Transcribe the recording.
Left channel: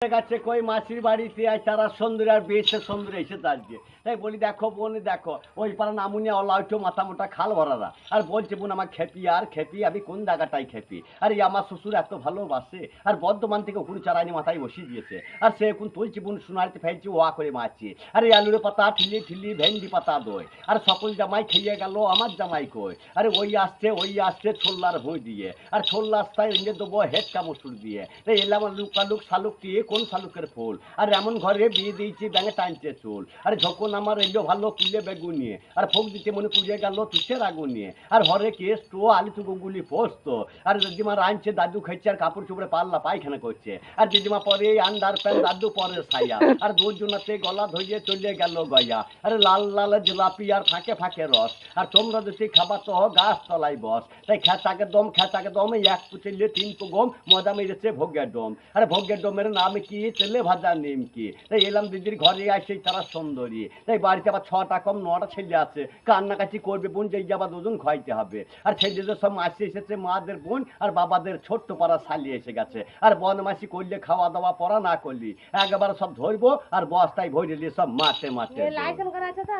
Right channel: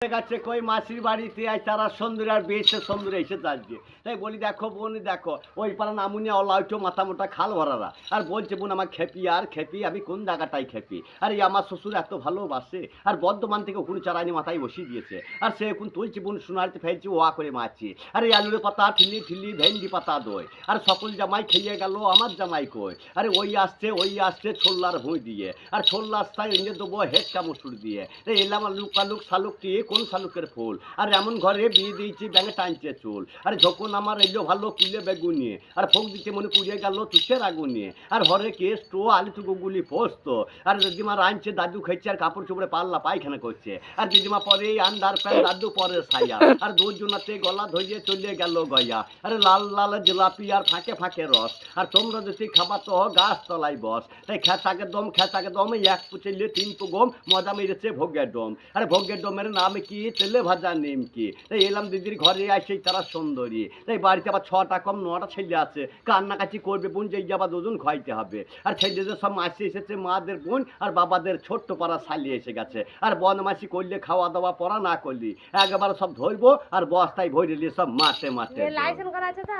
গেছে কই মাসির বাড়িতে আজ তারা সুন্দর আর বেশ সুন্দর এসেছে আজকে। তাই বলি দেখো বোন দেখো ওই পাড়া নামুনিয়া অলাইটো মাথা মোটা খাল ভরারা আর বলছে বোন আমার খেপি আর খেপি আমি কোন জায়গাটাই খেপি আর এই আমার শ্বশুর এত ভালোবাসে আর বর্ধমান থেকে ওখানে চারাইনি মাথায় বসিয়ে দিয়েছে আর সে এখন তুলছি বোন সোনারিতে ফেলছি ওয়া করে মারছি আর এই আলুর পাতা ঠিলি ঠিলি ভেন্ডি পাতা দই আর সকল জামাই খেয়ে গেল আমার জামাই কই আরে ওই আসছে ছোল্লার ভুঁই দিয়ে আর ছোল্লার তাই এনে দেবো হেডকা মসুর দিয়ে এলাম লুকালুক শালুক কি কোন শালুকের ফুল আর এমন ঘরে বিয়ে দিয়েছি ব্যাঙে টানছে চুল আর যখন আমার এলো ভালো কুলে বেগুন নিয়ে আর ফোক দিতে মনে পুড়িয়ে গেল তুষের আগুন নিয়ে আর ঘরে কেস তো আলু টুকু গুলি পোস্ত আর দিদিমা রাঁধছে দাদু খাইছে আর কাপড় চোপড়ে পাল্লা পায়খানা করছে আর দিদিমা পরে আন্ডার প্যান্ট দাদু পরে সাইয়া আর দুজনাতে গলা ধরিয়ে চলে গেল গয়া আরে লাল লাল জিলাপি আর ফাঁকে ফাঁকে রস আর তোমরা যদি খাবার তো গাছ তলায় বস তাই খেঁচাকে দম এক পুচেলে তিন তো গম মজা মেরেছে ভোগের ডোম আরে ভোগের ডোমের নাম কি তেলে ভাজা নিমকি তাই এলাম দিদির ঘরে আসে তারা সুন্দরী তাই বাড়িতে আবার 6টা কম 9টা ছেলে আছে কান্নাকাটি করবে বোন যে আবার দুজন খাইতে হবে আর ছেলেদের সব মাসি এসেছে মাদের বোন আর বাবাদের ছোট্ট পাড়া শালি এসে গেছে আর বনমাসি করলে খাওয়া দাওয়া পড়া না করলি একবার সব ধরবো আর বস্তায় ভরে সব মাঠে মাঠে লাইসেন্স করা আছে তো